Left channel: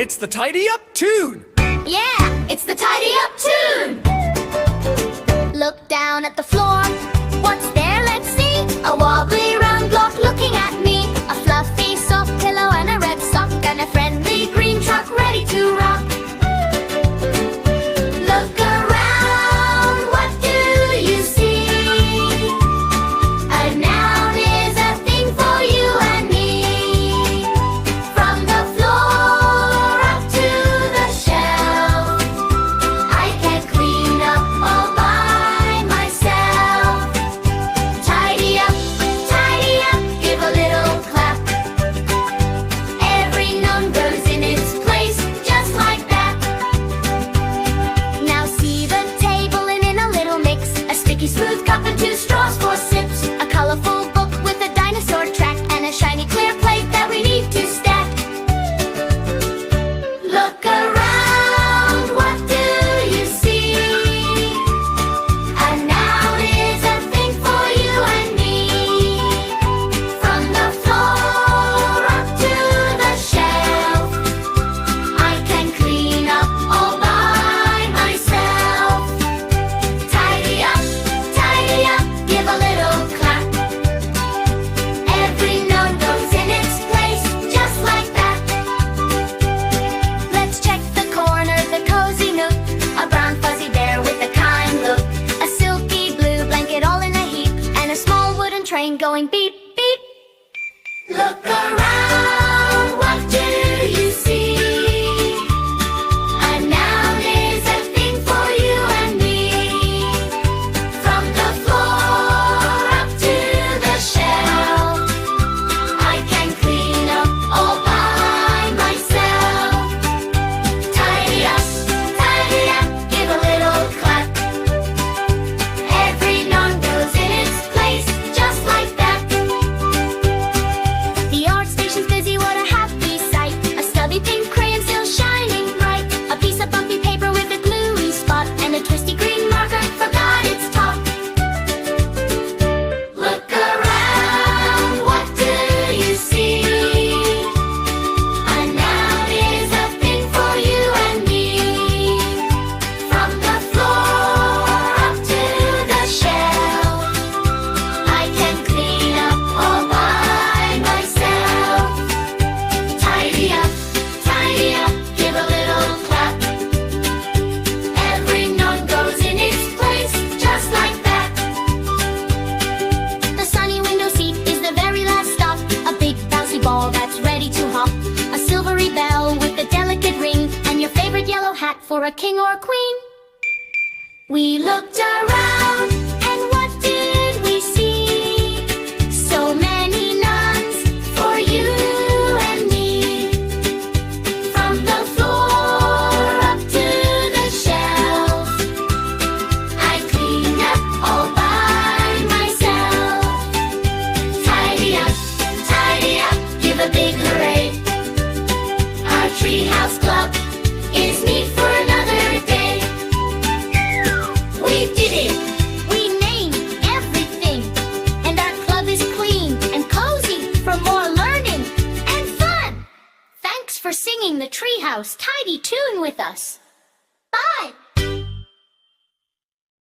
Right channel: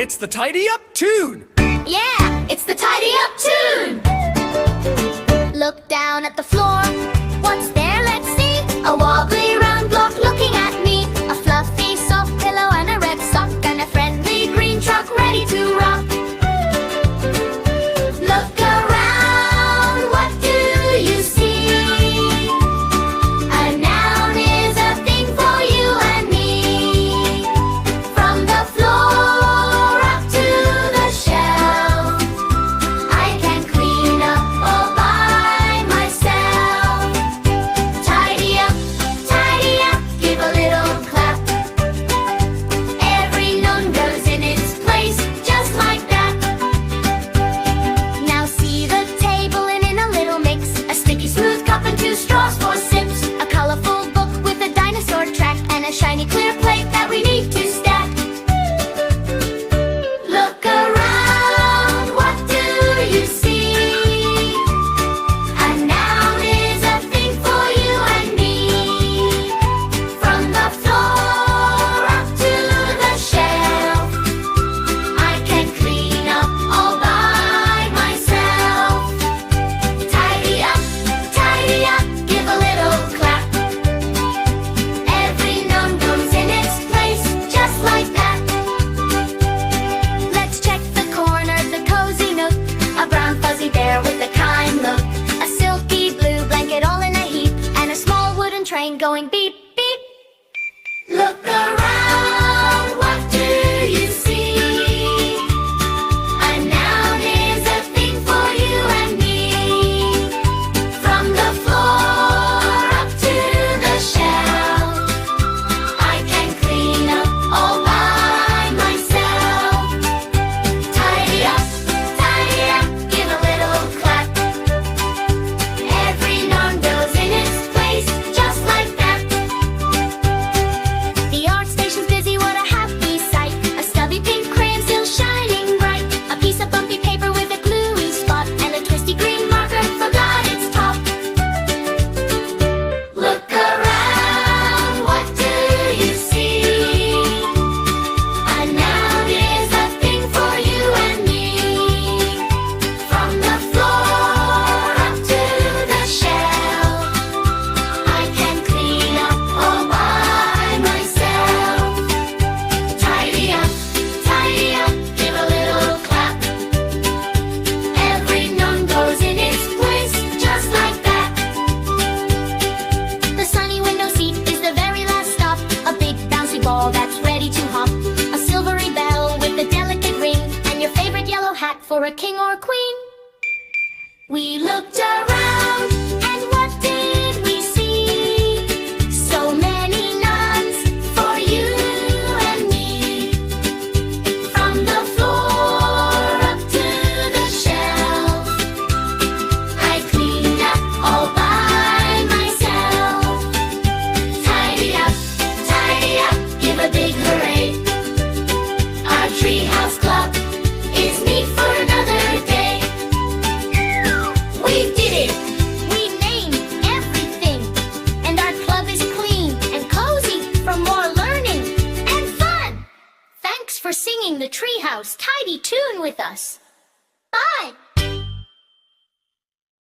It's the Tidy Up tune! Yeah, it's the Tidy Up tune! Look down at the floor. What's there? Let's see. A wobbly round block looking at me. A fluffy soft pillow and a red sock and a friendly green truck ready to rock. Look around, what do you see? A noun is a thing for you and me. From the floor up to the shelf, I can clean up all by myself. Tidy up, give a little clap. Every noun goes in its place, just like that. Now see the table and in a little mix. A sticky smooth cup and 2 straws for sips. A colorful book with a dinosaur track and a shiny clear plate that we need to stack. Look around, what do you see? A noun is a thing for you and me. From the floor up to the shelf, I can clean up all by myself. Tidy up, give a little clap. Every noun goes in its place, just like that. Let's check the corner, the cozy nook. A brown fuzzy bear with a kind look. A silky blue blanket all in a heap. And a small wooden train going beep, beep. Look around, what do you see? A noun is a thing for you and me. From the floor up to the shelf, I can clean up all by myself. Tidy up, give a little clap. Every noun goes in its place, just like that. The art station's busy, what a happy sight. A stubby pink crayon still shining bright. A piece of bumpy paper with a gluey spot. And a twisty green marker forgot its top. Look around, what do you see? A noun is a thing for you and me. From the floor up to the shelf, I can clean up all by myself. Tidy up, give a little clap. Every noun goes in its place, just like that. The sunny window seat is the very last stop. A big bouncy ball that's ready to hop. A silvery bell with a delicate ring. And your favorite yellow hat for a king or queen. We looked around, and what did we see? So many nouns for you and me. From the floor up to the shelf, I cleaned up all by myself. Tidy up, give a big hooray. Our Treehouse Club is neat for another day. We did it! We named everything. And our club is clean and cozy for more learning and fun. Thanks for singing the Treehouse Tidy tune with us. Bye!